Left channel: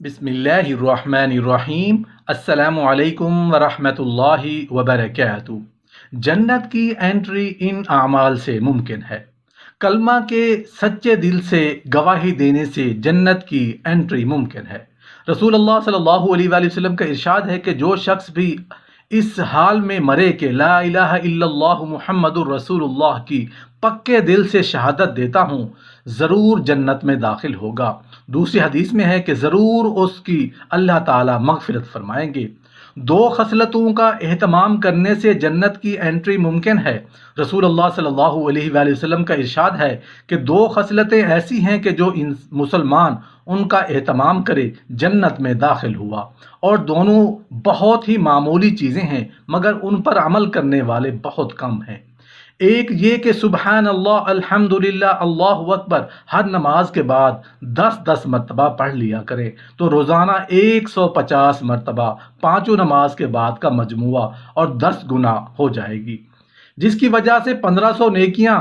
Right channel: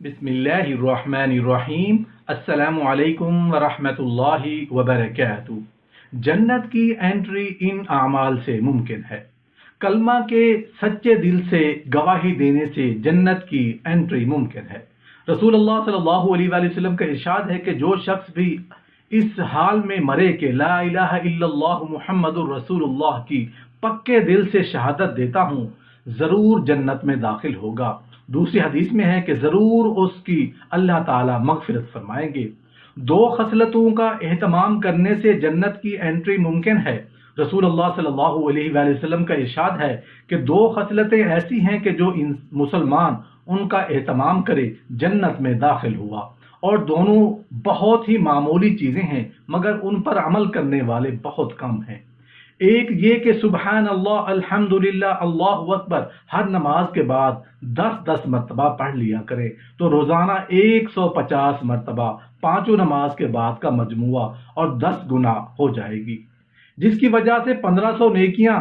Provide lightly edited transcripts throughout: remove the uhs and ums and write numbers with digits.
बिस्मिल्लाहिर्रहमानिर्रहीम। अस्सलामु अलैकुम वरहमतुल्लाहि वबरकातुहू। जन्नत की एंट्री इन आमाल से मुमकिन है। कलमा के सच्चे दिल से गवाही देने से जन्नत की एंट्री मुमकिन है। रसूलुल्लाह सल्लल्लाहु अलैहि वसल्लम का इरशाद है कि जो शख्स भी इस हाल में मरे कि ला इलाहा इल्लल्लाह मुहम्मदुर रसूलुल्लाह की पक्के दिल से शहादत देता हूँ, ज़रूर जन्नत में दाखिल होगा। दूसरी हदीस में है कि ज़रूर उसकी अल्लाह ताला मग़फ़िरत फरमाएंगे। दो खसलतों का एहतमाम करने से जन्नत की एंट्री मुमकिन है। रसूलुल्लाह सल्लल्लाहु अलैहि वसल्लम का इरशाद है कि दो खसलतें ऐसी हैं कि जो मुसलमान उनका एहतमाम करे जन्नत में दाखिल हुआ, और दोनों बहुत ही मामूली चीज़ें हैं मगर उन पर अमल करने वाले बहुत कम हैं। एक ये कि सुबहान अल्लाह अल्हम्दुलिल्लाह अल्लाहु अकबर हर नमाज के बाद 10-10 मरतबा पढ़ लिया करें तो रोज़ाना 150 मरतबा पाँचों नमाज के बाद का मजमुआ और 10 गुना हो जाएगी, जिसकी वजह से 1500 नेकियां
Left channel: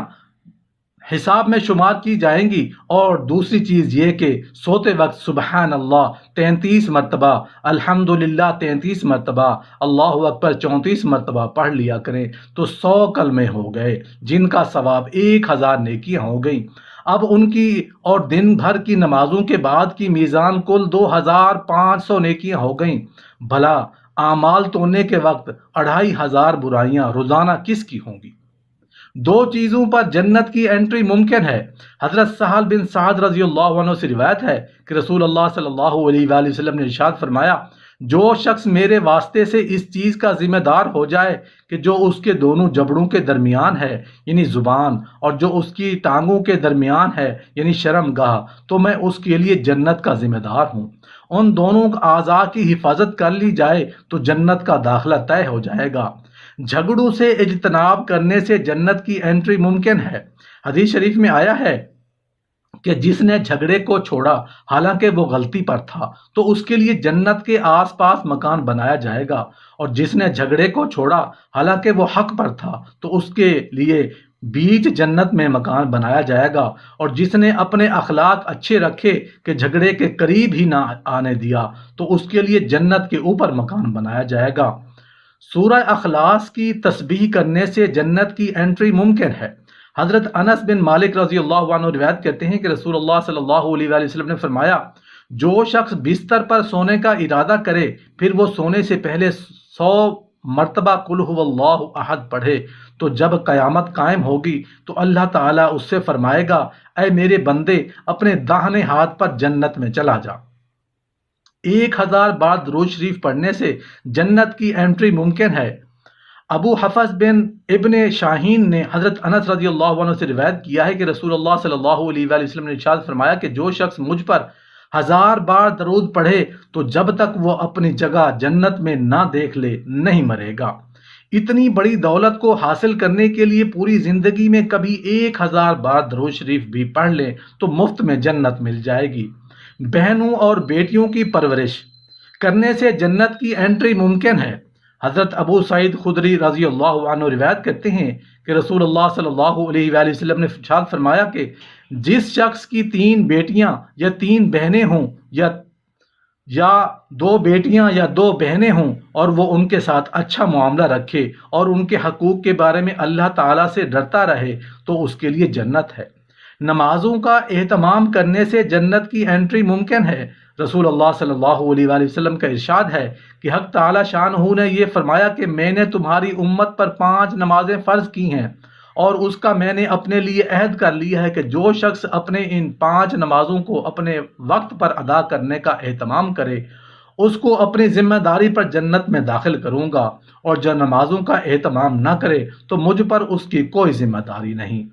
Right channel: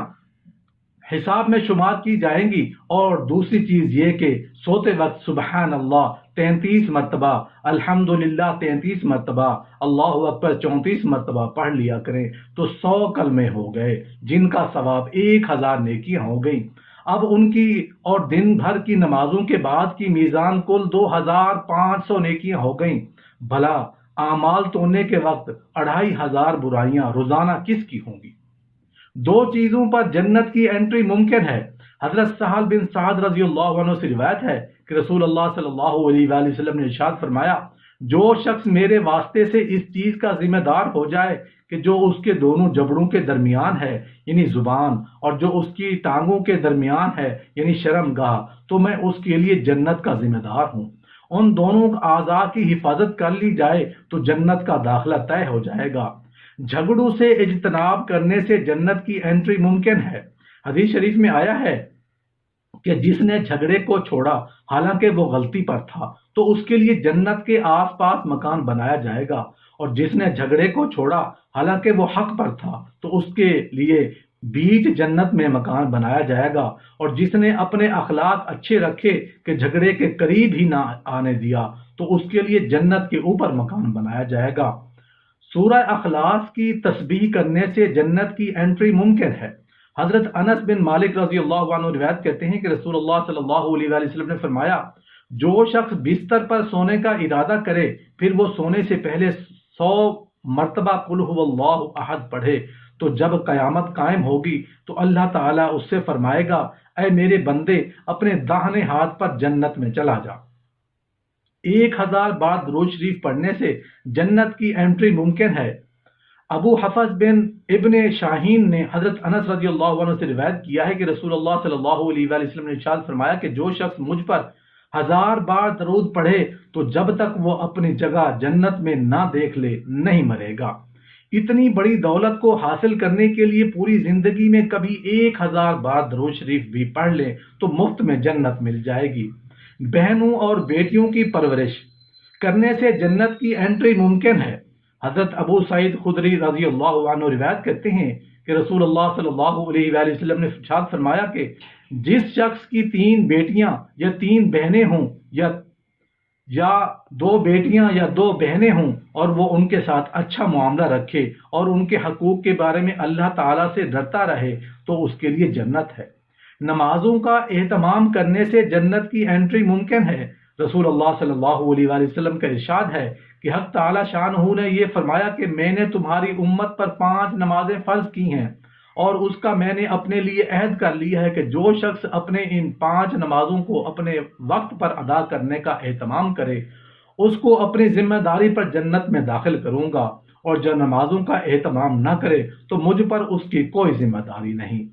हिसाब में शुमार की जाएंगी। और दूसरी चीज़ ये कि सोते वक्त सुबहान अल्लाह 33 मरतबा, अल्हम्दुलिल्लाह 33 मरतबा, अल्लाहु अकबर 34 मरतबा पढ़ लिया करें तो 100 कलमे हो गए, जिनका सवाब 1000 नेकियां हो गई। अब उनकी और दिन भर की नमाजों के बाद की मीज़ान कुल 2500 नेकियां हो गई। भला आमाल तोड़ने के वक्त 2500 बुराइयां रोज़ाना किसकी होंगी। दो चीज़ों पर जन्नत की एंट्री मुमकिन है। हज़रत सहल बिन साद रज़ी अल्लाह अन्हु से रिवायत है कि रसूल अल्लाह सल्लल्लाहु अलैहि वसल्लम ने इरशाद फरमाया, जो शख्स मेरे वास्ते से इस चीज़ का जिम्मेदार हो जाए कि जो उसके दोनों जबड़ों के दरमियान है यानी ज़ुबान, और जो उसकी टांगों के दरमियान है यानी शर्मगाह, तो मैं उसके लिए जन्नत का जिम्मेदार हूँ। उन दोनों आज़ा की हिफाजत कर ली जाए तो जन्नत का दाखिला तय हो जाएगा। झगड़ों से इज्तनाब करने से जन्नत की एंट्री मुमकिन है। हदीस शरीफ में आया है कि जिसने झगड़े को छोड़ा हालांकि वो गलती पर था तो उसके लिए जन्नत के आसपास मकान बनाया जाएगा, और जिसने झगड़े को छोड़ा हालांकि वो हक पर था तो उसके लिए बीच जन्नत में मकान बनाया जाएगा। और जिसने अपने अखलाक अच्छे रखे कि झगड़े के करीब ही ना आने दिया तो उसके लिए जन्नत के ऊपर मकान बनाया जाएगा। सूरह अखलास की तस्बीह करने से जन्नत की एंट्री मुमकिन है। हज़रत अनस बिन मालिक रज़ी अल्लाह अन्हु रिवायत करते हैं कि रसूलुल्लाह सल्लल्लाहु अलैहि वसल्लम ने फरमाया, जो शख्स बिस्तर पर सोने का इरादा करे फिर वो सोने से पहले 100 मरतबा कुल हुवल्लाहु अहद पढ़े तो जब क़यामत कायम होगी तो अल्लाह ताला उससे फरमाएगा, ऐ मेरे बंदे अपने दाहिने हाथ पर जन्नत में चला जा। 1000 बार दुरूद शरीफ पढ़ने से जन्नत की एंट्री मुमकिन है। अबू हफस बिन इब्ने शाहीन ने हज़रत अनस रज़ी अल्लाह अन्हु से रिवायत किया है कि रसूलुल्लाह सल्लल्लाहु अलैहि वसल्लम ने इरशाद फरमाया कि जो शख्स मुझ पर 1000 बार दरूद पढ़े तो जब तक वो अपनी जगह जन्नत में ना देख ले नहीं मरेगा। इतनी बड़ी दौलत को हासिल करने के लिए पूरी जिंदगी में कभी 1000 बार दरूद शरीफ भी पढ़ लें तो मुफ्त में जन्नत मिल जाएगी। बहनों और बेटियों की परवरिश करने से जन्नत की एंट्री मुमकिन है। हज़रत अबू सईद खुदरी रज़ी अल्लाह अन्हु रिवायत करते हैं कि रसूलुल्लाह सल्लल्लाहु अलैहि वसल्लम ने इरशाद फरमाया कि जिस शख्स की 3 बेटियां या 3 बहनें हों या 2 बेटियां या 2 बहनें हों और वो उनके साथ अच्छा मामला रखे और उनके हकूक़ के बारे में अल्लाह ताला से डरता रहे तो उसके लिए जन्नत है। नमाजों का एहतमाम करने से जन्नत की एंट्री मुमकिन है। रसूलुल्लाह सल्लल्लाहु अलैहि वसल्लम का इरशाद है कि हक ताला शानहू ने यह फरमाया कि मैंने तुम्हारी उम्मत पर 5 नमाजें फ़र्ज की हैं, और उसका मैंने अपने लिए अहद कर लिया है कि जो शख्स अपने इन 5 नमाजों को अपने वक्त पर अदा करने का एहतमाम करे उसको अपनी जिम्मेदारी पर जन्नत में दाखिल करूँगा, और जो नमाजों का एहतमाम न करे तो मुझ पर उसकी कोई जिम्मेदारी नहीं।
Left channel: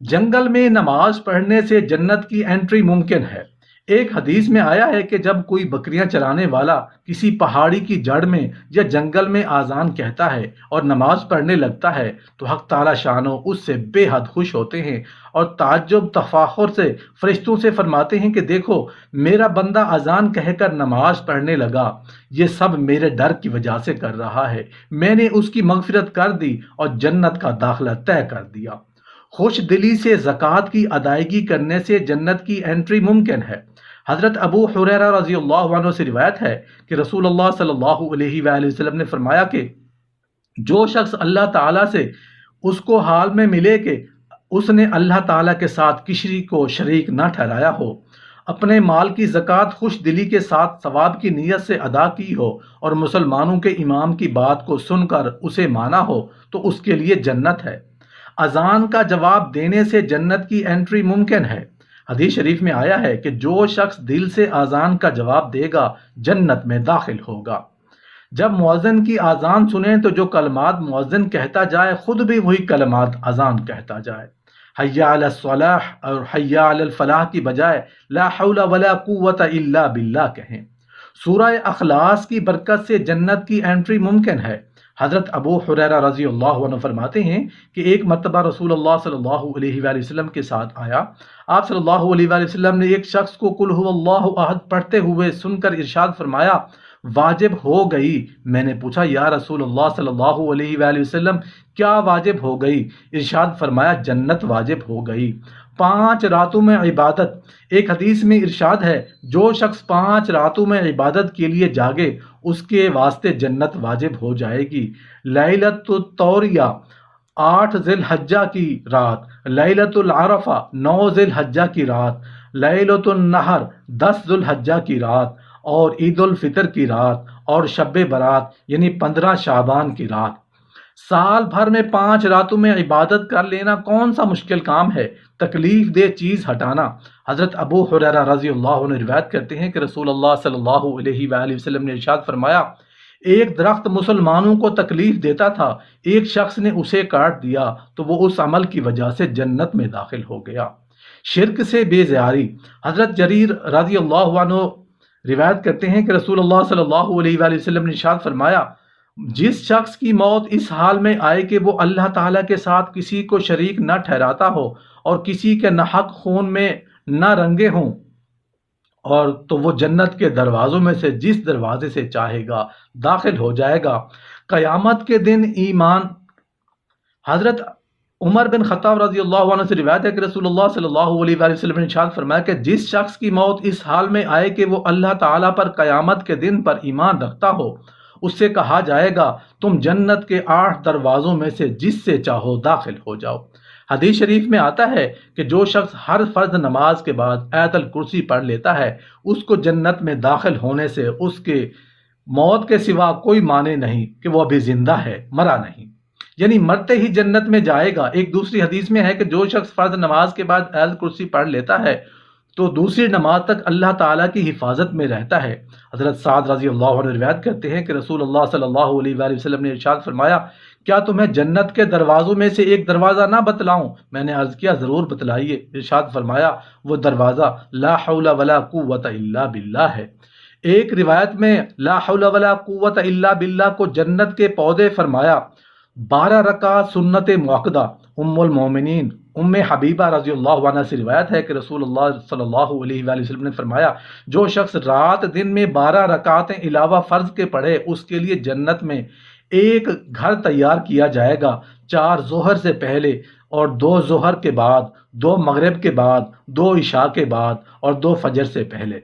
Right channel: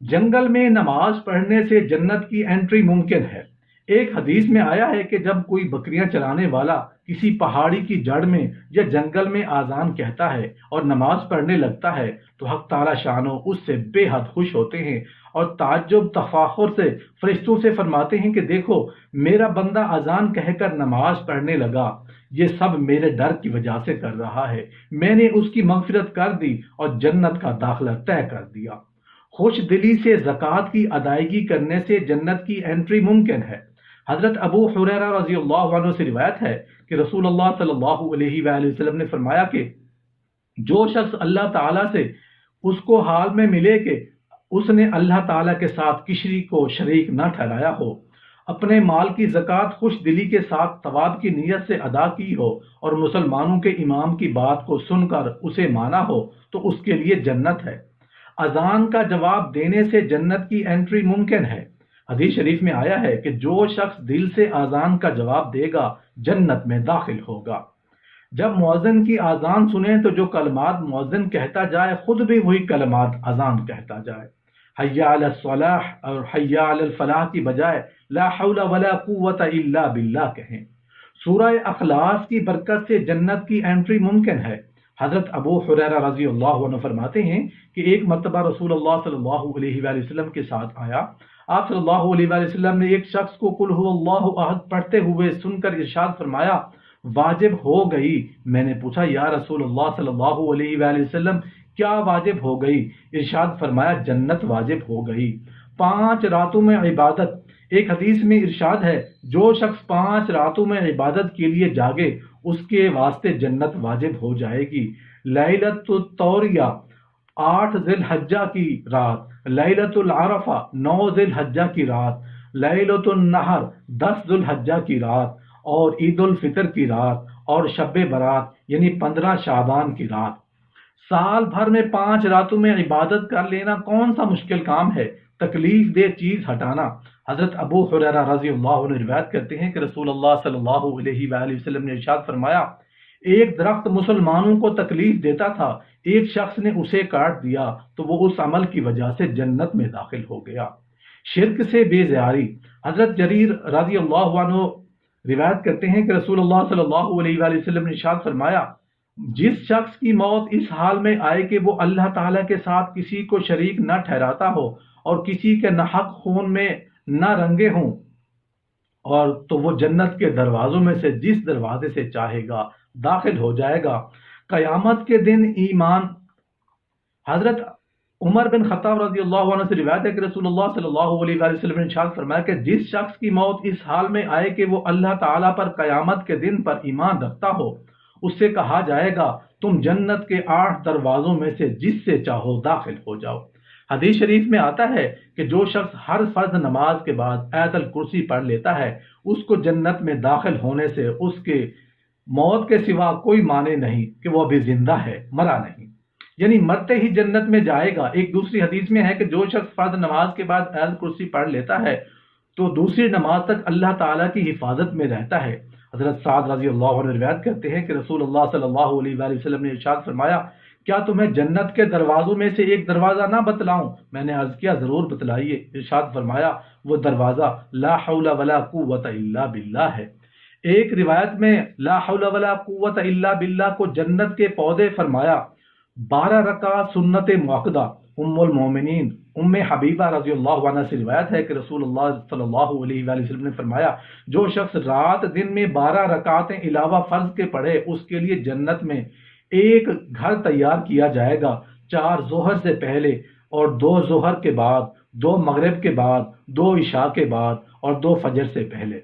जंगल में नमाज पढ़ने से जन्नत की एंट्री मुमकिन है। एक हदीस में आया है कि जब कोई बकरियां चराने वाला किसी पहाड़ी की जड़ में या जंगल में आज़ान कहता है और नमाज पढ़ने लगता है तो हक ताला शानो उससे बेहद खुश होते हैं और ताज्जुब तफाखुर से फरिश्तों से फरमाते हैं कि देखो मेरा बंदा अजान कहकर नमाज पढ़ने लगा, ये सब मेरे डर की वजह से कर रहा है, मैंने उसकी मगफिरत कर दी और जन्नत का दाखिला तय कर दिया। खुश दिली से ज़कात की अदायगी करने से जन्नत की एंट्री मुमकिन है। حضرت ابو حریرہ رضی اللہ عنہ سے روایت ہے کہ رسول اللہ صلی اللہ علیہ وآلہ وسلم نے فرمایا کہ جو شخص اللہ تعالیٰ سے اس کو حال میں ملے کہ اس نے اللہ تعالیٰ کے ساتھ کسی کو شریک نہ ٹھہرایا ہو، اپنے مال کی زکوٰۃ خوش دلی کے ساتھ ثواب کی نیت سے ادا کی ہو اور مسلمانوں کے امام کی بات کو سن کر اسے مانا ہو تو اس کے لیے جنت ہے۔ اذان کا جواب دینے سے جنت کی انٹری ممکن ہے۔ حدیث شریف میں آیا ہے کہ جو شخص دل سے اذان کا جواب دے گا جنت میں داخل ہوگا۔ جب مؤذن کی اذان سنیں تو جو کلمات مؤذن کہتا جائے خود بھی وہی کلمات اذان کہتا جائے۔ حی علی الصلاح اور حی علی الفلاح کی بجائے لا حول ولا قوت الا باللہ کہیں۔ سورہ اخلاص کی برکت سے جنت کی انٹری ممکن ہے۔ حضرت ابو حریرہ رضی اللہ عنہ فرماتے ہیں کہ ایک مرتبہ رسول اللہ صلی اللہ علیہ وآلہ وسلم کے ساتھ آیا۔ آپ صلی اللہ علیہ وآلہ وسلم نے ایک شخص کو قل هو اللہ احد پڑھتے ہوئے سن کر ارشاد فرمایا واجب ہو گئی۔ میں نے پوچھا یا رسول اللہ صلی اللہ علیہ وآلہ وسلم کیا واجب ہو گئی؟ ارشاد فرمایا جنت واجب ہو گئی۔ 5 راتوں میں عبادت۔ ایک حدیث میں ارشاد ہے جو شخص 5 راتوں میں عبادت کے لیے جاگے اس کے واسطے جنت واجب ہو جائے گی۔ لیلۃ الطوریہ 8 ذی الحجہ کی رات، لیلۃ العرفہ 9 ذی الحجہ کی رات، لیلۃ النحر 10 ذی الحجہ کی رات اور عید الفطر کی رات اور شب برات یعنی 15 شعبان کی رات۔ سال بھر میں 5 راتوں میں عبادت کر لینا کون سا مشکل کام ہے؟ تکلیف دہ چیز ہٹانا۔ حضرت ابو حریرہ رضی اللہ عنہ روایت کرتے ہیں کہ رسول اللہ صلی اللہ علیہ وآلہ وسلم نے ارشاد فرمایا ایک درخت مسلمانوں کو تکلیف دیتا تھا، ایک شخص نے اسے کاٹ دیا تو وہ اس عمل کی وجہ سے جنت میں داخل ہو گیا۔ شرک سے بے زیاری۔ حضرت جریر رضی اللہ عنہ روایت کرتے ہیں کہ رسول اللہ صلی اللہ علیہ وآلہ وسلم نے ارشاد فرمایا جس شخص کی موت اس حال میں آئے کہ وہ اللہ تعالیٰ کے ساتھ کسی کو شریک نہ ٹھہراتا ہو اور کسی کے ناحق خون میں نہ رنگے ہوں اور تو وہ جنت کے دروازوں میں سے جس دروازے سے چاہے گا داخل ہو جائے گا۔ قیامت کے دن ایمان۔ حضرت عمر بن خطاب رضی اللہ عنہ سے روایت ہے کہ رسول اللہ صلی اللہ علیہ وآلہ وسلم نے ارشاد فرمایا کہ جس شخص کی موت اس حال میں آئے کہ وہ اللہ تعالیٰ پر قیامت کے دن پر ایمان رکھتا ہو اس سے کہا جائے گا تم جنت کے 8 دروازوں میں سے جس سے چاہو داخل ہو جاؤ۔ حدیث شریف میں آتا ہے کہ جو شخص ہر فرض نماز کے بعد آیت الکرسی پڑھ لیتا ہے اس کو جنت میں داخل ہونے سے اس کے موت کے سوا کوئی معنی نہیں کہ وہ ابھی زندہ ہے، مرا نہیں، یعنی مرتے ہی جنت میں جائے گا۔ ایک دوسری حدیث میں ہے کہ جو شخص فرض نماز کے بعد آیت الکرسی پڑھ لیتا ہے تو دوسری نماز تک اللہ تعالیٰ کی حفاظت میں رہتا ہے۔ حضرت سعد رضی اللہ عنہ روایت کرتے ہیں کہ رسول اللہ صلی اللہ علیہ وآلہ وسلم نے ارشاد فرمایا کیا تمہیں جنت کے دروازوں میں سے ایک دروازہ نہ بتلاؤں؟ میں نے عرض کیا ضرور بتلائیے۔ ارشاد فرمایا وہ دروازہ لا حول ولا قوت الا باللہ ہے۔ ایک روایت میں لا حول ولا قوت الا باللہ کو جنت کے پودے فرمایا۔ 12 رکعت سنت مؤکدہ۔ ام المومنین ام حبیبہ رضی اللہ عنہ سے روایت ہے کہ رسول اللہ صلی اللہ علیہ وآلہ وسلم نے فرمایا جو شخص رات دن میں 12 رکعتیں علاوہ فرض کے پڑھے اس کے لیے جنت میں ایک گھر تیار کیا جائے گا، 4 ظہر سے پہلے اور 2 ظہر کے بعد، 2 مغرب کے بعد، 2 عشاء کے بعد اور 2 فجر سے پہلے۔